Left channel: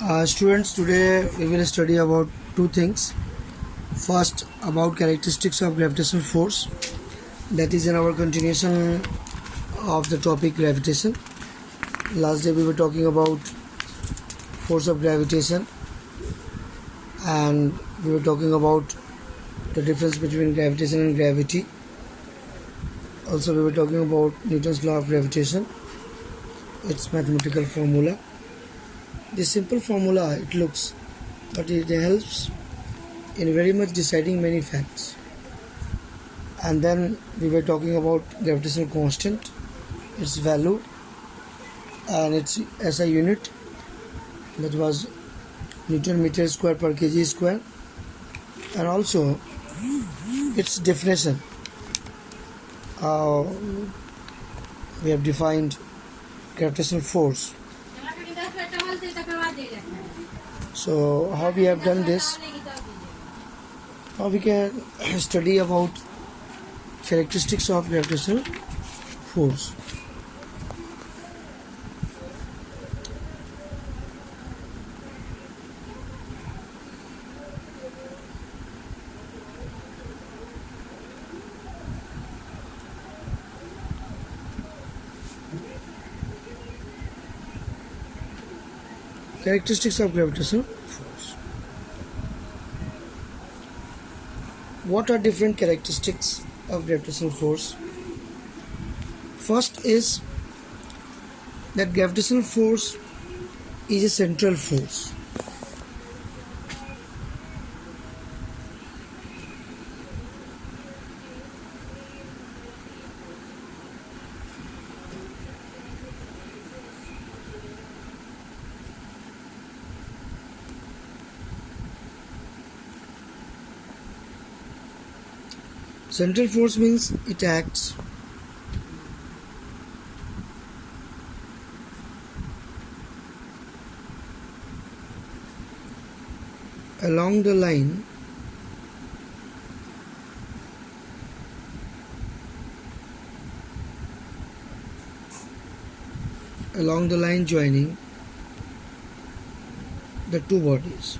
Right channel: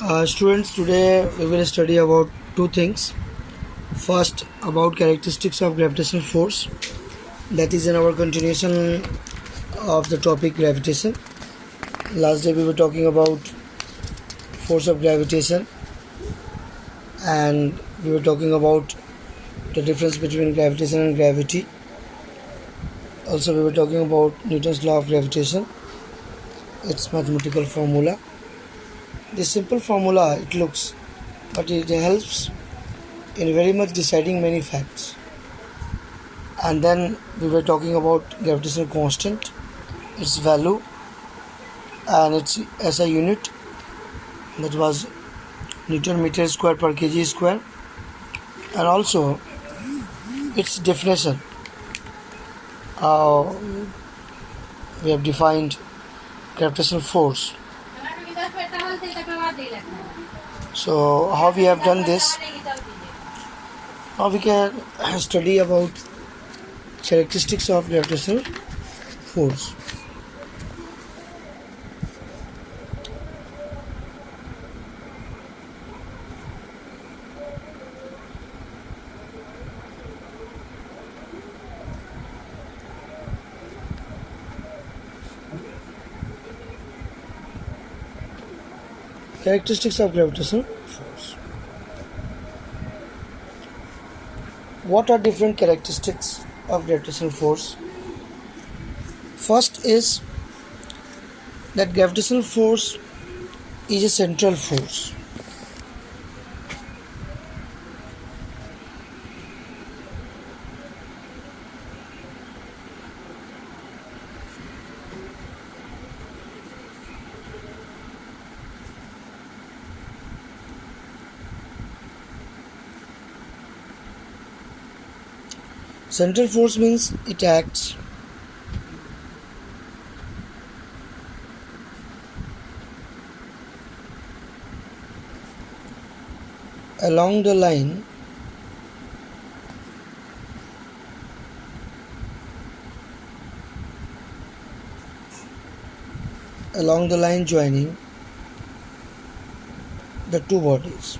Students, today we will study about two things. First, about characteristics of gravitational force, that is in our continuation of the topic gravitation. Last day we were talking about force of gravitation, and we were talking about the difference between gravitation and gravity. Also, we were talking about Newton's law of gravitation, its mathematical formula. This simple formula, it looks, but it helps in very much deciding many facts. And then we were talking about gravitational constant, its value, and its SI unit, that was Newton meter square per kg square, and also its definition. We have defined gravitational force. So how we have done this? Now we can study about characteristics of gravitational force. Characteristics of gravitational force. What are different characteristics of gravitational force? First is that gravitational force is a central force. Central force means it acts along the line joining the two bodies.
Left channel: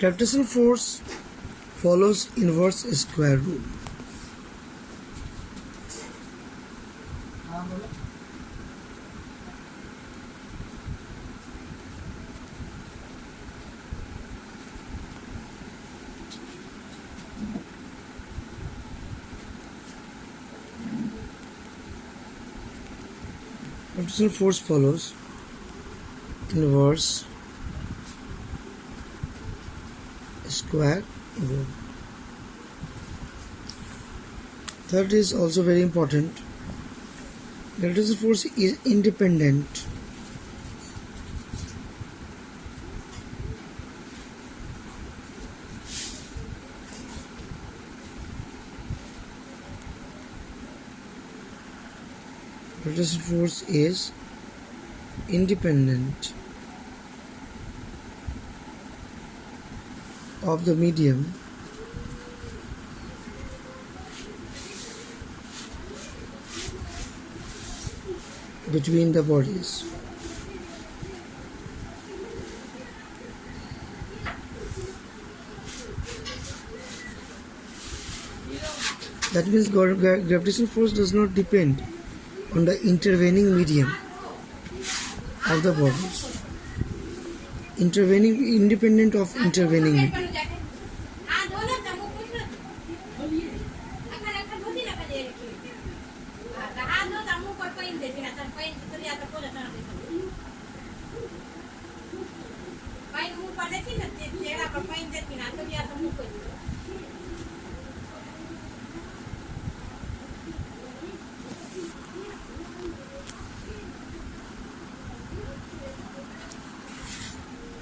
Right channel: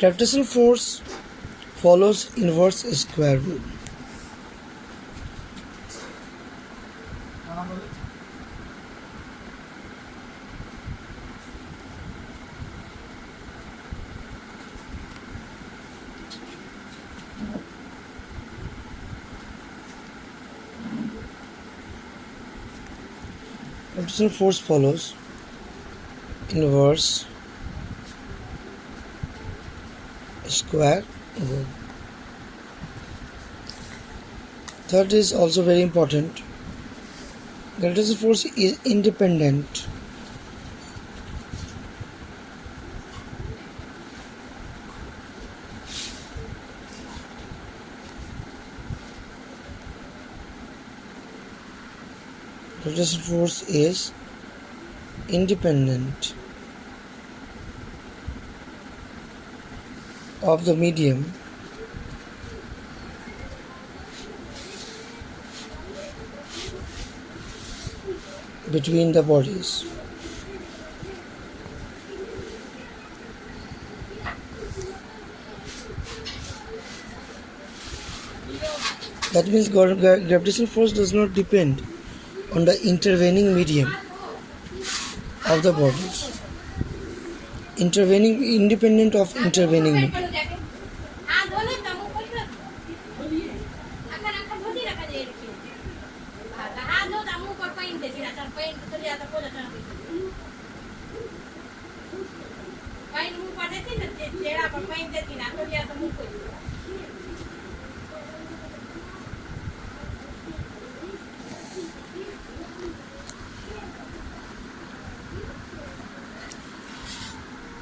Gravitational force follows inverse square rule. Gravitational force follows inverse square rule. Third is also very important. Gravitational force is independent Gravitational force is independent of the medium between the bodies. That means gravitational force does not depend on the intervening medium of the bodies. Independent of intervening medium.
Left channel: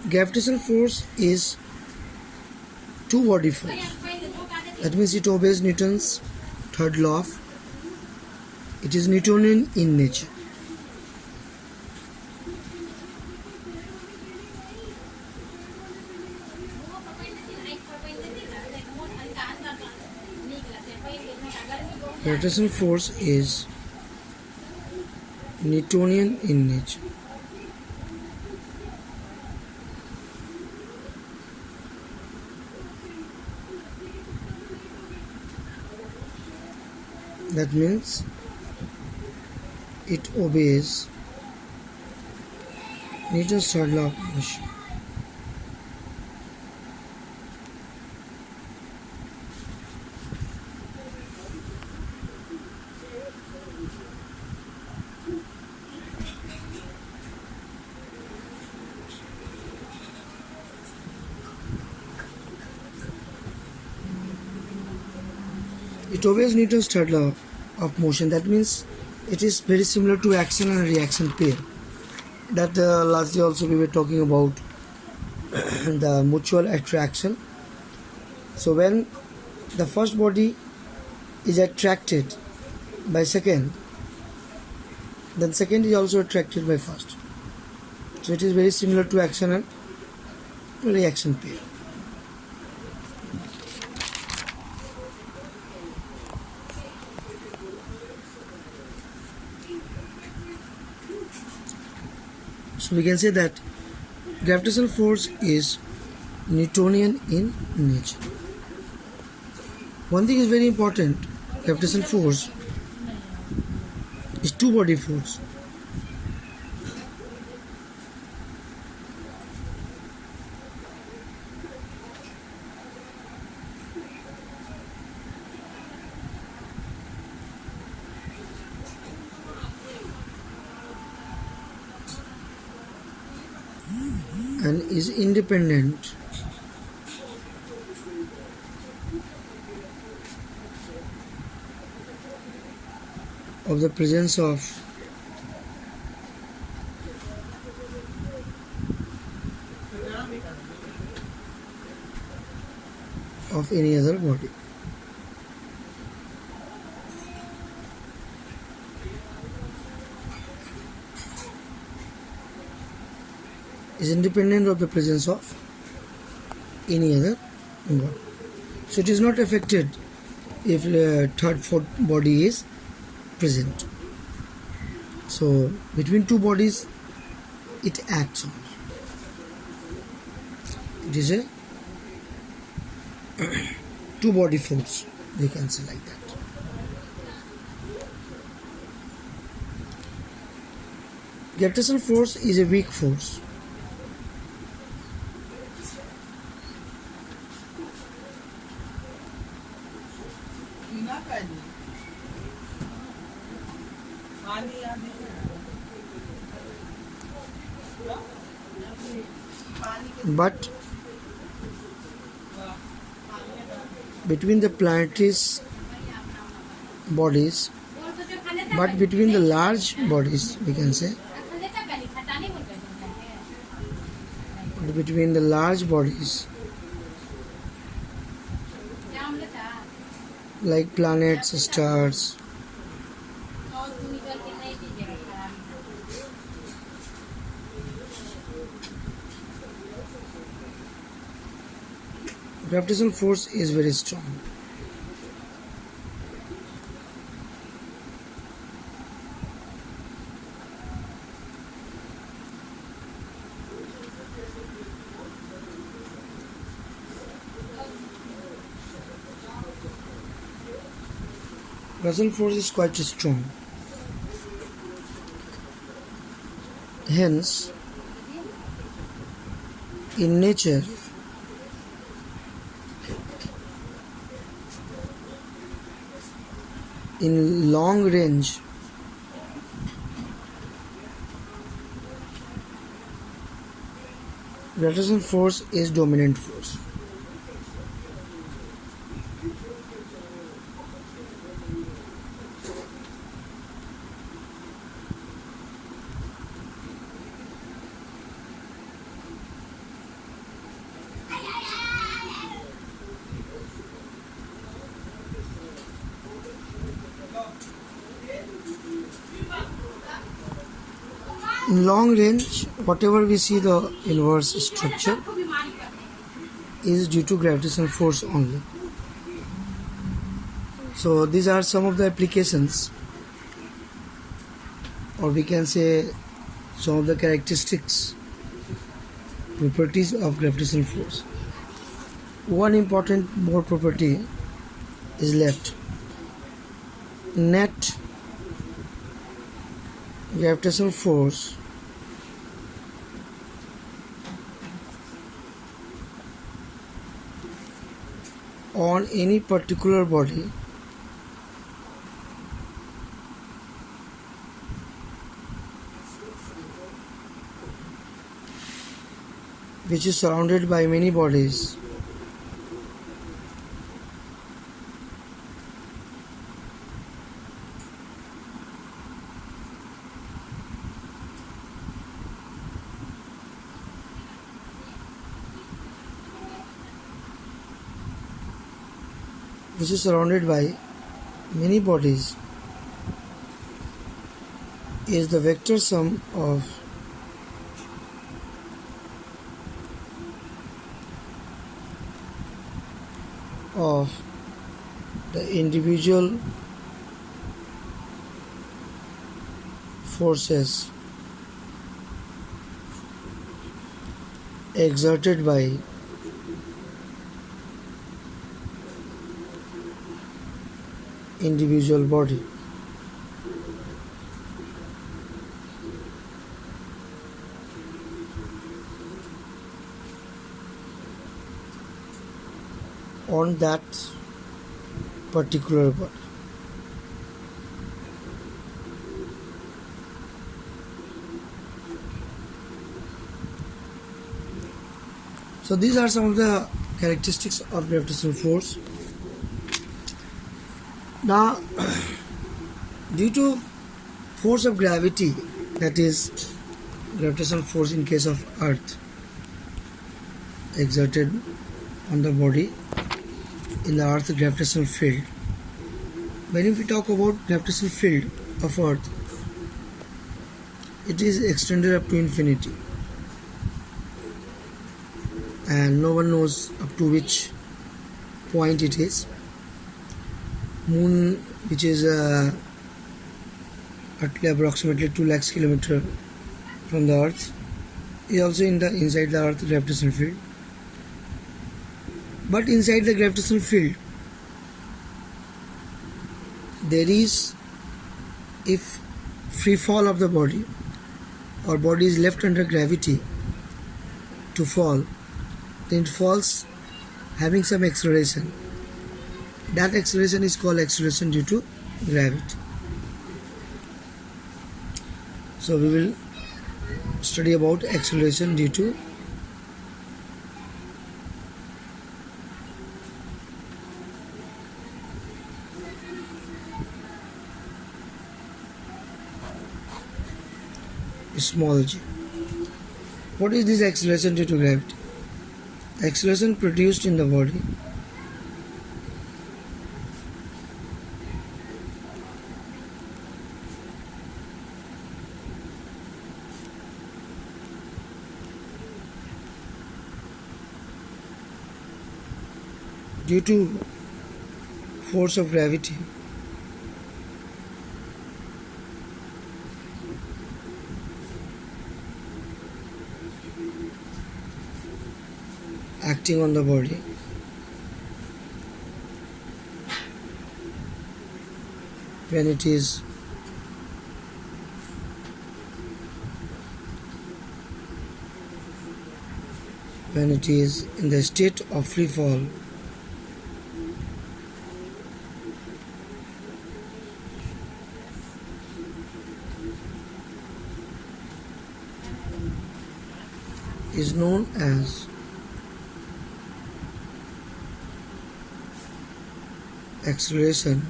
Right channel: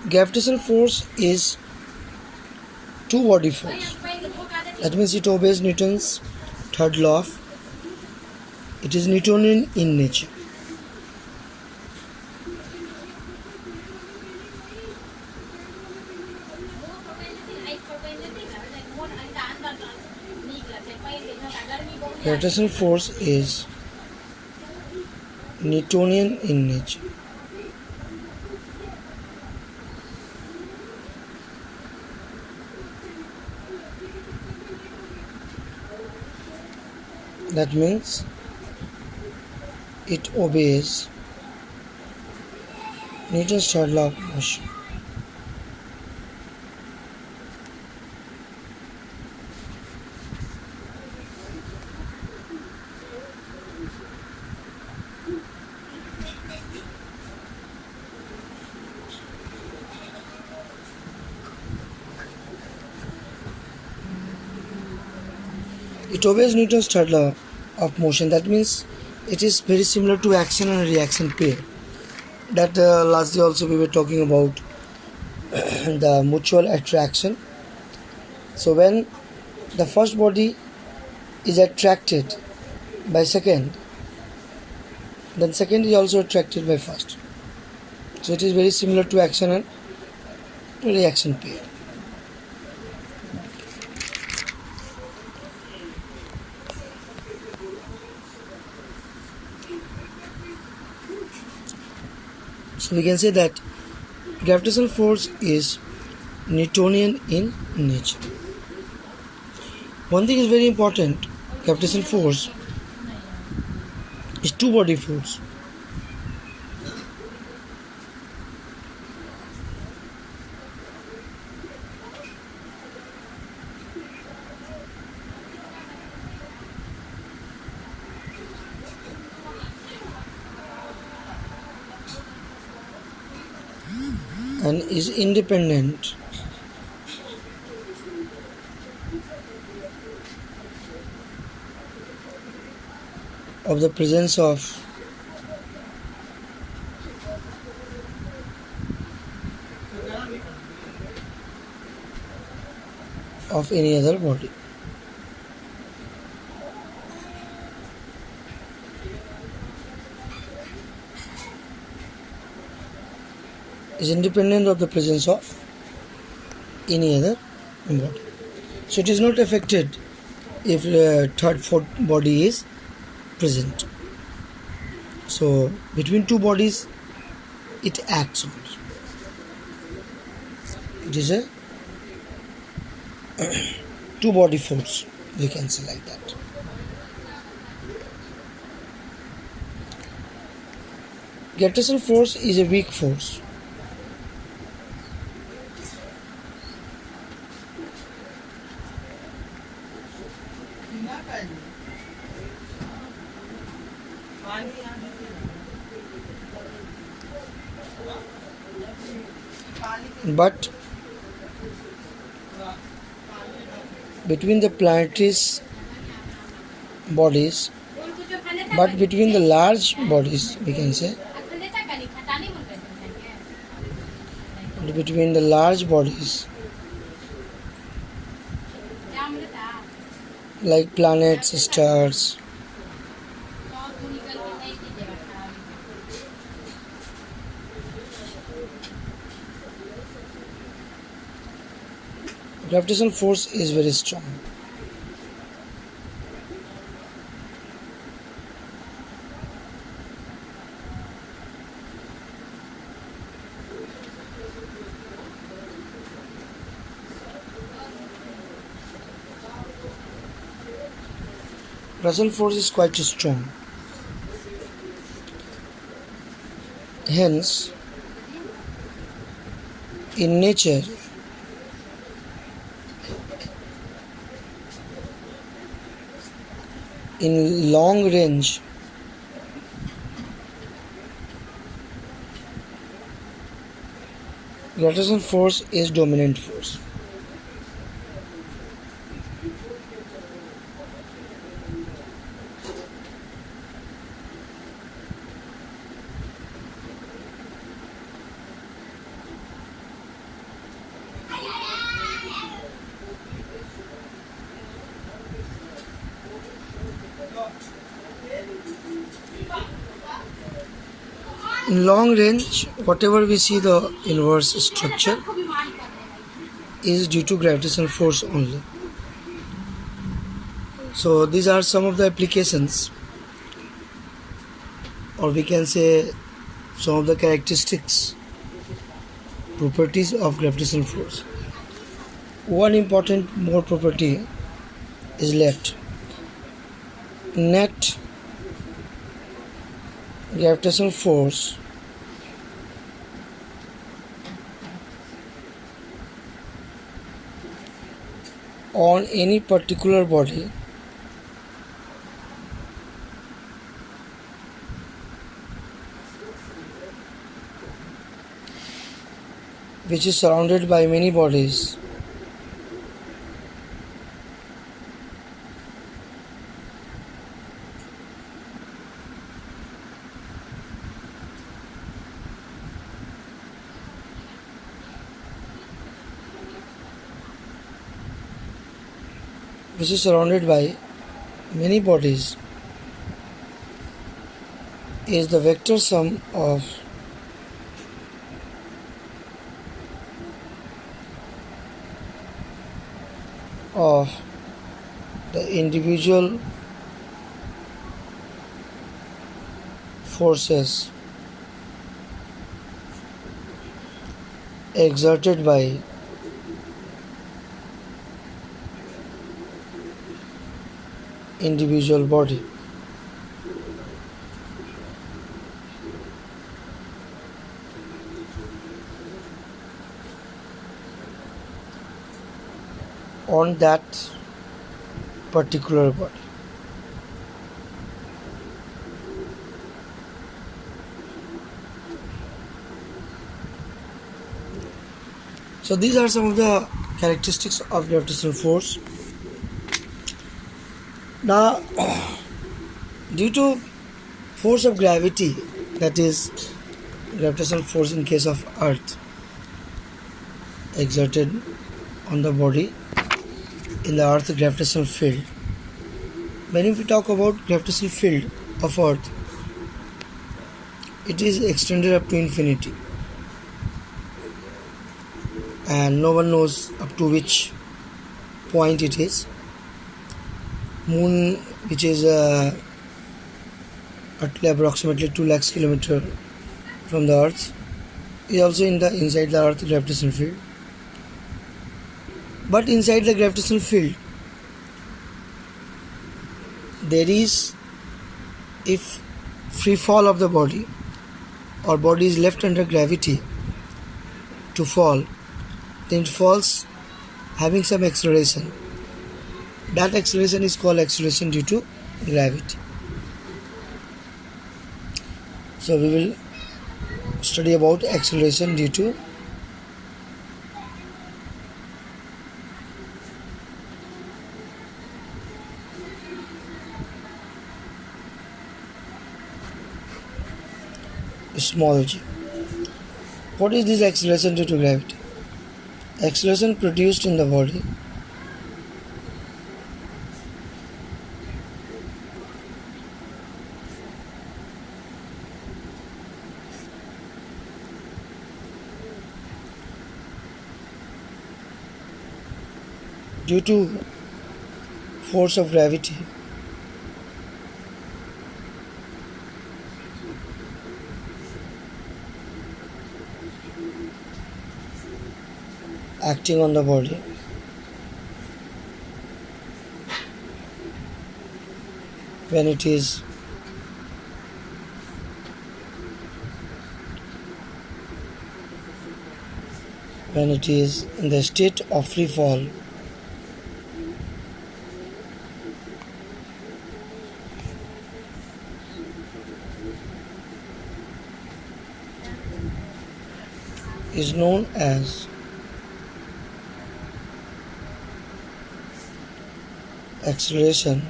Gravitational force is two-body force. That means it obeys Newton's third law. It is Newtonian in nature. Gravitational force is Newtonian in nature. That means it obeys Newton's third law of motion. It obeys Newton's third law of motion. That means it is very similar to action and reaction pair. That lastly also we were talking about the mutual attraction. So when the first body is attracted by second, then second is also attracted by first. So it is very similar to action and reaction pair. So we can say that gravitational force is Newtonian in nature. One thing is very important, gravitational force is two-body force. And is independent of the presence of any other body. Is independent of the presence of any other body. So it is not affected if third, fourth body is present. So between two bodies it acts on. It is a two body force, we can say like that. Gravitational force is a weak force. But between the planetary's bodies, but between the large bodies, we can say, between the large bodies like planets, stars, gravitational force is very strong. Gravitational force is quite strong. Hence, in nature, in long range, gravitational force is dominant force. In long range, whatever we see the inverse structure is due to gravitational force only. So these are some of the applications, or we can say some of the characteristics, properties of gravitational force. One important more property is left. Net gravitational force on any particular body which is surrounded by many bodies is the vector sum of the individual forces exerted by individual body. On that particular body. So these are some of the characteristics of gravitational force. Now, due to force of gravity, that is gravitational force in case of Earth exerted on the body in the Earth gravitational field. When we talk about gravitational field of Earth, it is extended up to infinity, and no one knows up to which point it is. Moon, which is approximately 2 lakhs kilometers from the Earth, is also inside the Earth gravitational field. But inside the gravitational field, there is, if free fall of the body or body is left under gravity to fall, then it falls having some acceleration. That acceleration is called acceleration due to gravity. So we will study about acceleration due to small g. What is this acceleration due to gravity? Acceleration produced in the body due to force of gravity acting on the body when it is in the state of free fall, is known as acceleration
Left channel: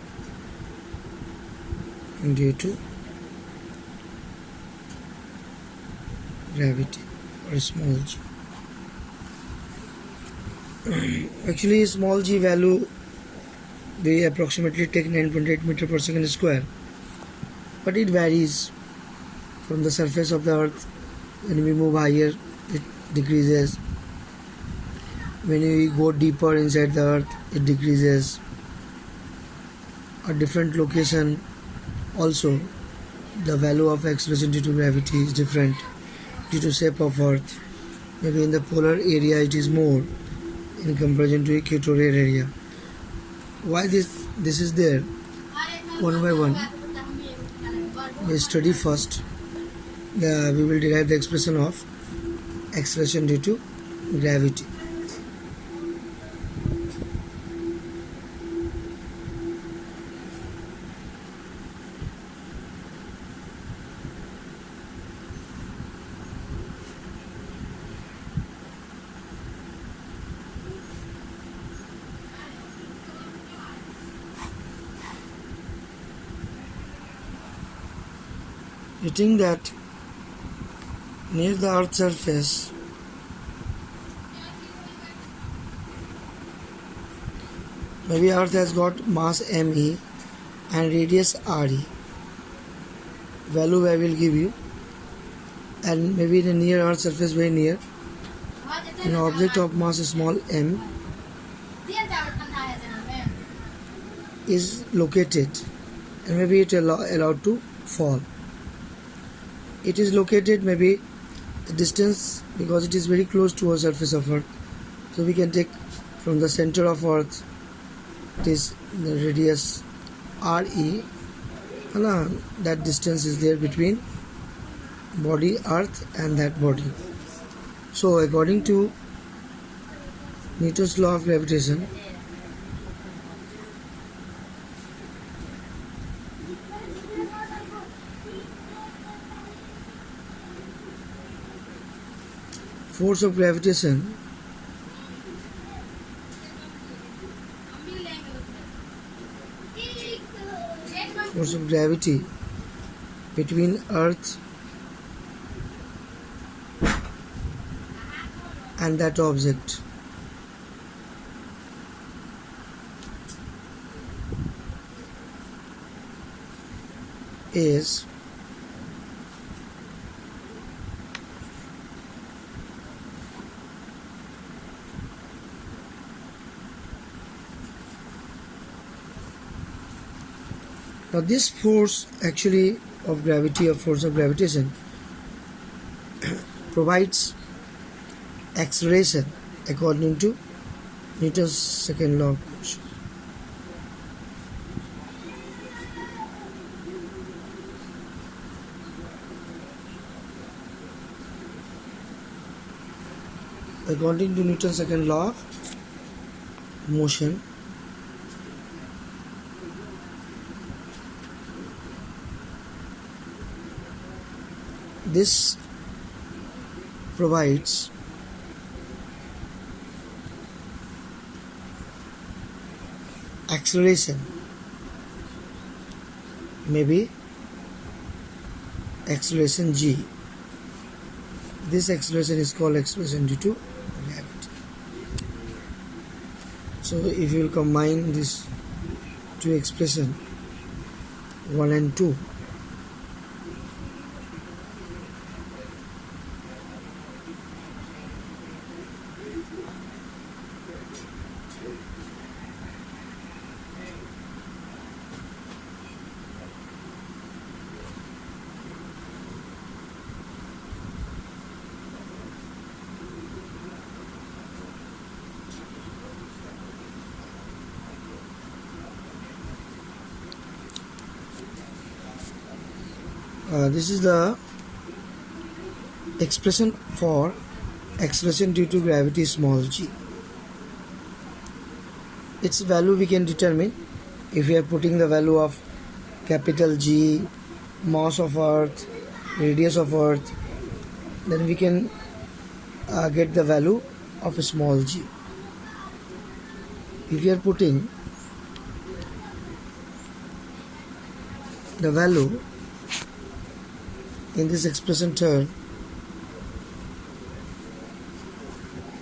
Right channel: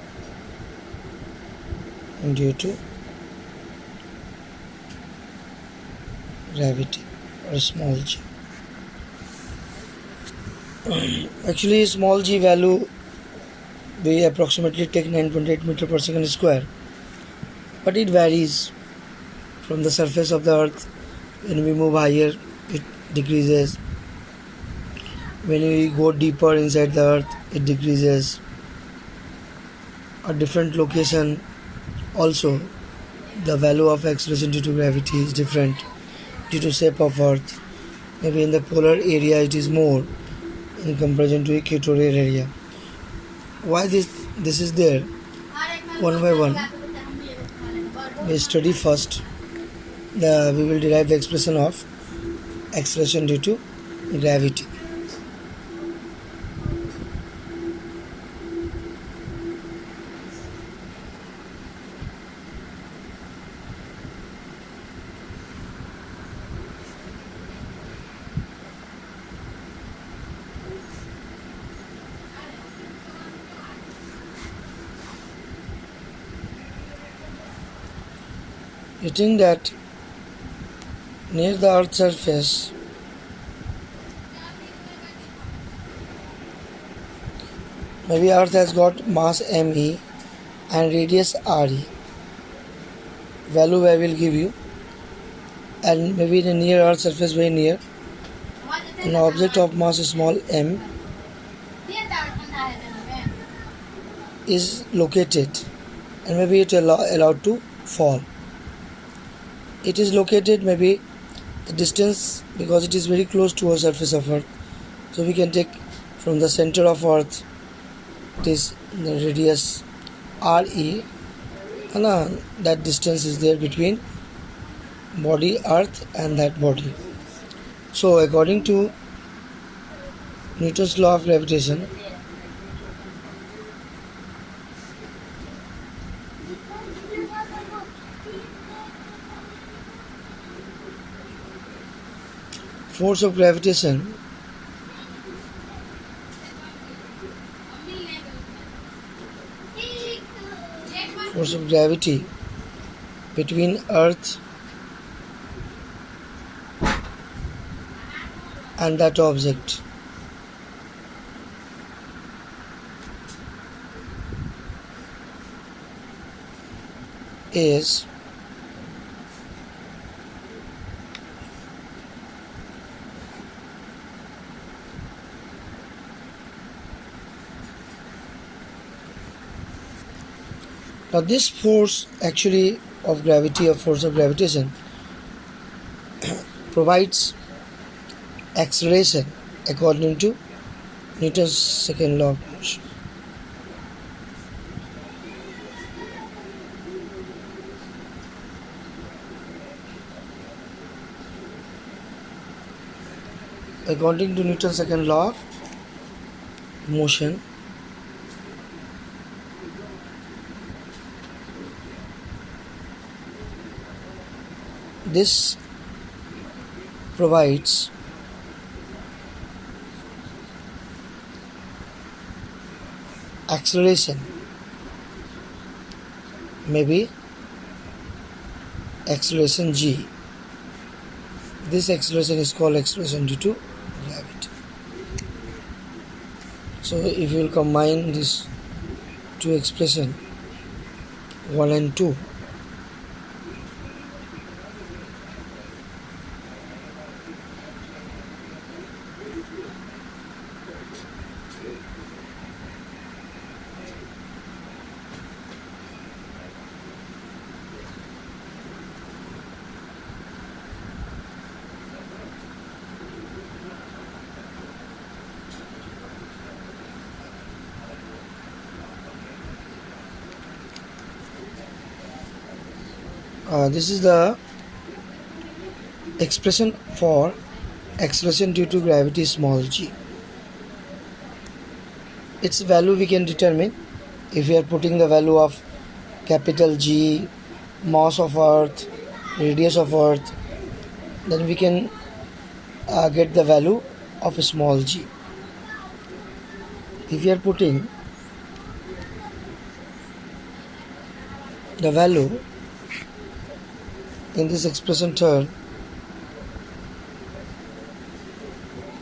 due to gravity, or small g. Actually, small g value we approximately take 9.8 meter per second square, but it varies from the surface of the Earth. When we move higher, it decreases. When we go deeper inside the Earth, it decreases. a different location. Also, the value of acceleration due to gravity is different due to shape of Earth. Maybe in the polar area it is more in comparison to equatorial area. Why this is there? One by one, we study first. We will derive the expression of acceleration due to gravity. You think that near the Earth's surface, maybe Earth has got mass me and radius re. Value I will give you, and maybe the near Earth's surface, very near, an object of mass small m is located, and maybe it allowed to fall. It is located, maybe the distance, because it is very close to the surface of Earth, so we can take from the center of Earth, it is the radius re, and that distance is there between body Earth and that body. So according to Newton's law of gravitation, force of gravitation force of gravity between Earth and that object is now this force actually of gravity, or force of gravitation, provides acceleration according to Newton's second law of motion. According to Newton's second law of motion, this provides acceleration, maybe acceleration g. This acceleration is called acceleration due to gravity. So if you will combine these two expressions, 1 and 2, this is the expression for acceleration due to gravity small g. Its value we can determine if we are putting the value of capital G, mass of Earth, radius of Earth, then we can get the value of a small g. If we are putting the value in this expression term,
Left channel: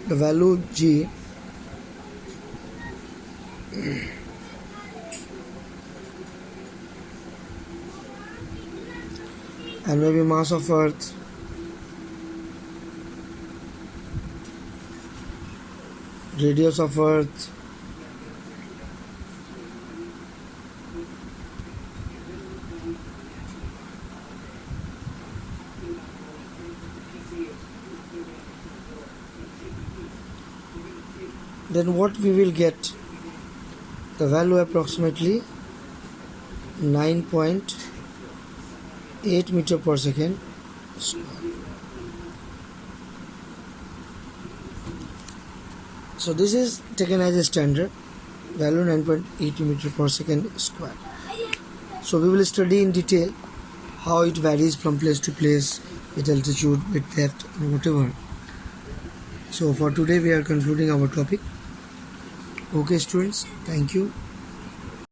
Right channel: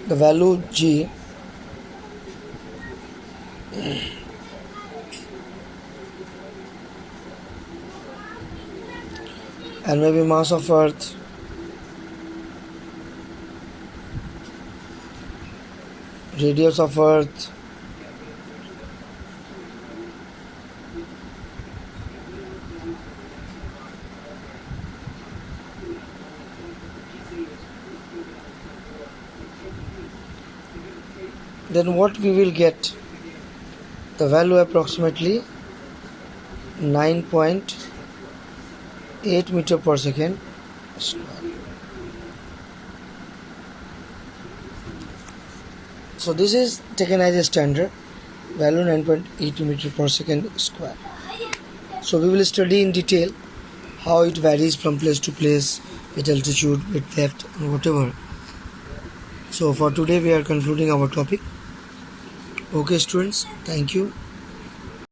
the value g and maybe mass of Earth, radius of Earth, then what we will get? The value approximately 9.8 meter per second square. So this is taken as a standard value, 9.8 meter per second square. So we will study in detail how it varies from place to place with altitude, with depth, and whatever. So for today we are concluding our topic. Okay students, thank you.